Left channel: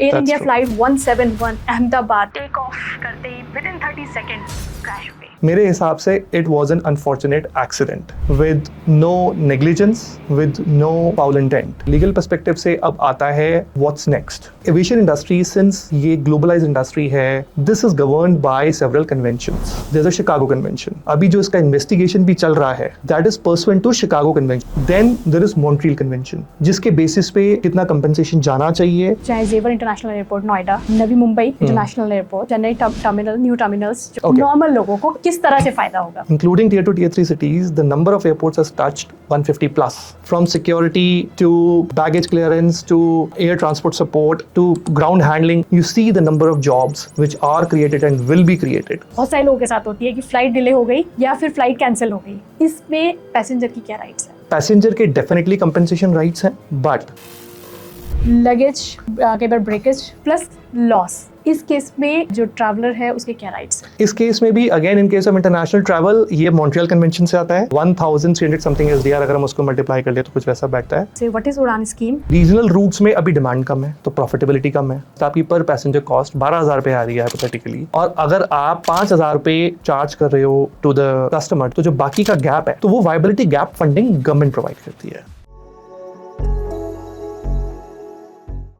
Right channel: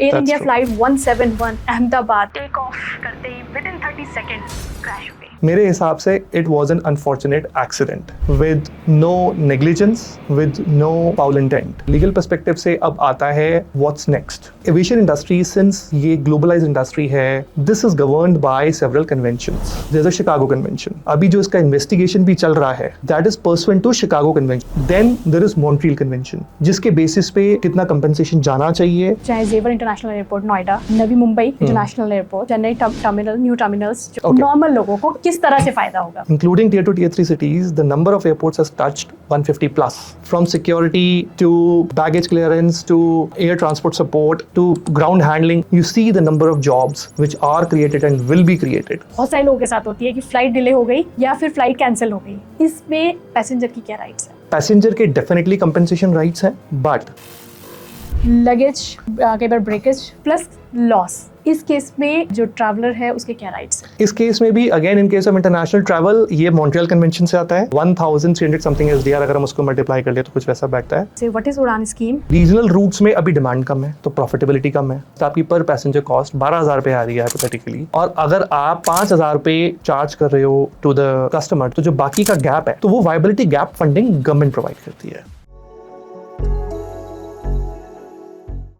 Air India flight 171 Ahmedabad take off करते ही within 30 seconds crash हुई। मेरे हिसाब से it was an unfortunate accident with no negligence, with no foul intent. Legal perspective से अब आता है what's next. Aviation industry, since ये ग्लोबलाइज्ड इंडस्ट्री है, this is governed by several conventions. जैसे शिकागो कन्वेंशन, अभी जो इसका इन्वेस्टिगेशन भी चल रहा है, that is pursuant to Chicago convention. Then there is Montreal convention, जिसके बेसिस पे कितना कंपनसेशन जाना चाहिए। चाहे Jewar international airport Noida, Navi Mumbai international airport, Chennai terminal, new terminals, normal लोगों को किस तरह से फायदा होगा। Including tier 2, tier 3 cities, the number of airports has touched 150 plus. From security to baggage clearance to air transport support to ground handling, you see the number of jobs which are created and will be created. बहुत सारे लोगों के साथ होती है कि flight delay हो गई या फिर फ्लाइट कैंसिल हो गई, इसमें पैसेंजर की क्या राइट्स है? पैसेंजर के डेफिनेटली कंपनसेशन राइट्स हैं, बट लगेज, कई बार ब्रेकेज प्लस लॉस, इस केस में जो ट्रैवलर है उसके क्या राइट्स हैं? इस केस में भी again in case of international travel ये मॉन्ट्रियल कन्वेंशन से आता है। 1300 समथिंग एसडीआर, अगर हम उसको मल्टीप्लाई कर ले तो कुछ वैसा बैठता है। So what is उड़ान स्कीम? रीजनल रूट्स में अभी डिमांड कम है तो प्रॉफिटेबिलिटी कम है, तो आपकी पर पैसेंजर कॉस्ट 12,000 पे आ रही है हाइपोथेटिकली, और अगर आप 5,000 पे चार्ज कर रहे हो टू द कस्टमर, तो जो बाकी का गैप है, तो वो viability gap funding government provide करती है।